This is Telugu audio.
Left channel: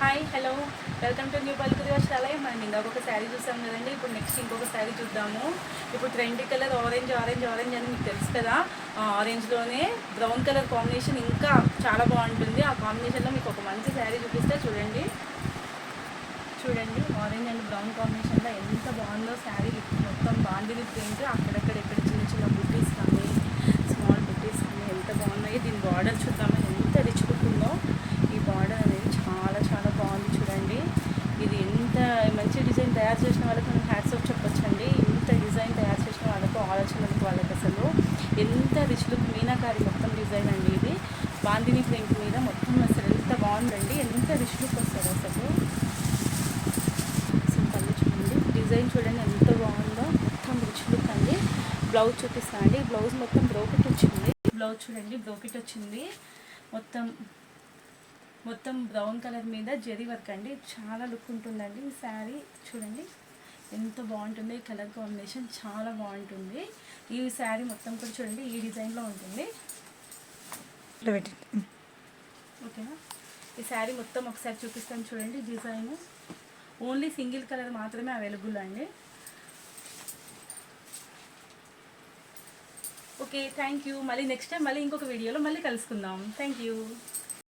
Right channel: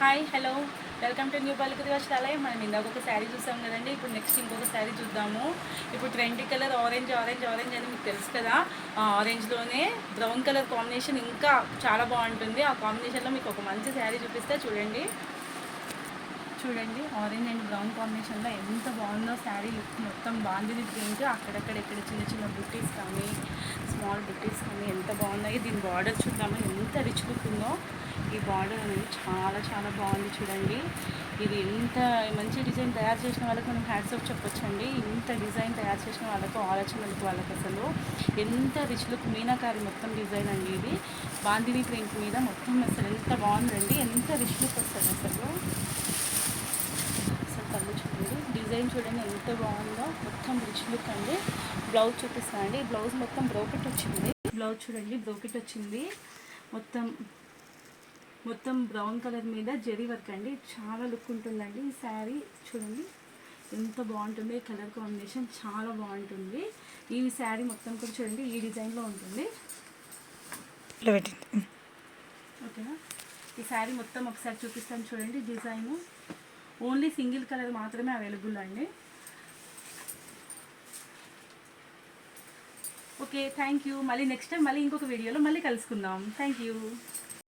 Hi hello welcome to new పల్లికి వర్షాలయం. మనం ఇందాక ఒక శారీ చూసాం కదండి. ఇప్పుడు నెక్స్ట్ ఇంకొక శారీ చూద్దాము. ఇప్పుడు trendy colour orange orange orange అని మీకు తెలుసు కదా. ఆరెంజ్లోనే బ్రౌన్ కలర్ కాంబినేషన్ ఇంకా చాలా బాగుంటుంది. ఆ కాంబినేషన్లో మీకు ఒక మంచి శారీ చూపిస్తే చూడండి. చూడండి ఆరెంజ్ అండ్ బ్రౌన్ కాంబినేషన్లో ఎంత బాగుందో శారీ. మొత్తం బాందిని ప్రింట్, అక్కడక్కడ ఇక్కడ చిన్న చిన్న బుట్టీస్ కానీ స్మాల్ బుట్టీస్ కానీ ఎంత బాగున్నాయి. దీని బార్డర్ చూద్దాము ఎంత రిచ్ లుక్ ఉందో. ఈ బార్డర్ అనేది చాలా చాలా బాగుంది చూడండి. ఇది ఎంత మంచి డిజైన్ తయారు చేసిన వాళ్ళకి మనం హ్యాట్స్ ఆఫ్ చెప్పొచ్చండి. ఇంత డిజైన్ తయారు చేసిన వాళ్ళకు ఆలోచన వాళ్ళకి అసలు ఎంత రిచ్ లుక్ మీనాకారి మొత్తం డిజైన్ అండి. ఇది బాందిని ప్రింట్ మీద మొత్తం అసలు ఎంత బాగుందండి. ఎంత రిచ్ లుక్ వస్తుంది అసలు. చూడండి డిజైన్ చూడండి ఎంత బాగుందో. మొత్తం రిచ్ లుక్ అండి. బ్లౌజ్ చూపిస్తానండి. బ్లౌజ్ మొత్తం బ్రోకెట్ వచ్చింది. బ్లౌజ్ చూడండి బ్రోకెట్ వచ్చింది. మొత్తం మొత్తం బ్రౌన్ కలర్ మీద జరీ వర్క్ అండి. చాలా లుక్ ఉంటుందండి ఈ శారీ. చూడండి ఎంత బాగుంటుంది. ఈ కలర్ కాంబినేషన్ చాలా బాగుంటుంది. ఈ శారీ మొత్తం కూడా చూడండి ఈ డిజైన్లో ఉంటుంది. ఓకేనా. ఈ శారీ మొత్తం ఒకసారి చూపిస్తాను చూడండి. డిజైను ఓన్లీ సింగిల్ కలర్ మాత్రమే అవైలబుల్ అండి. Okay thank you. మళ్ళీ నెక్స్ట్ టైం మళ్ళీ ఇంకొక వీడియోలో మళ్ళీ కలుసుకుందాం. Thank you.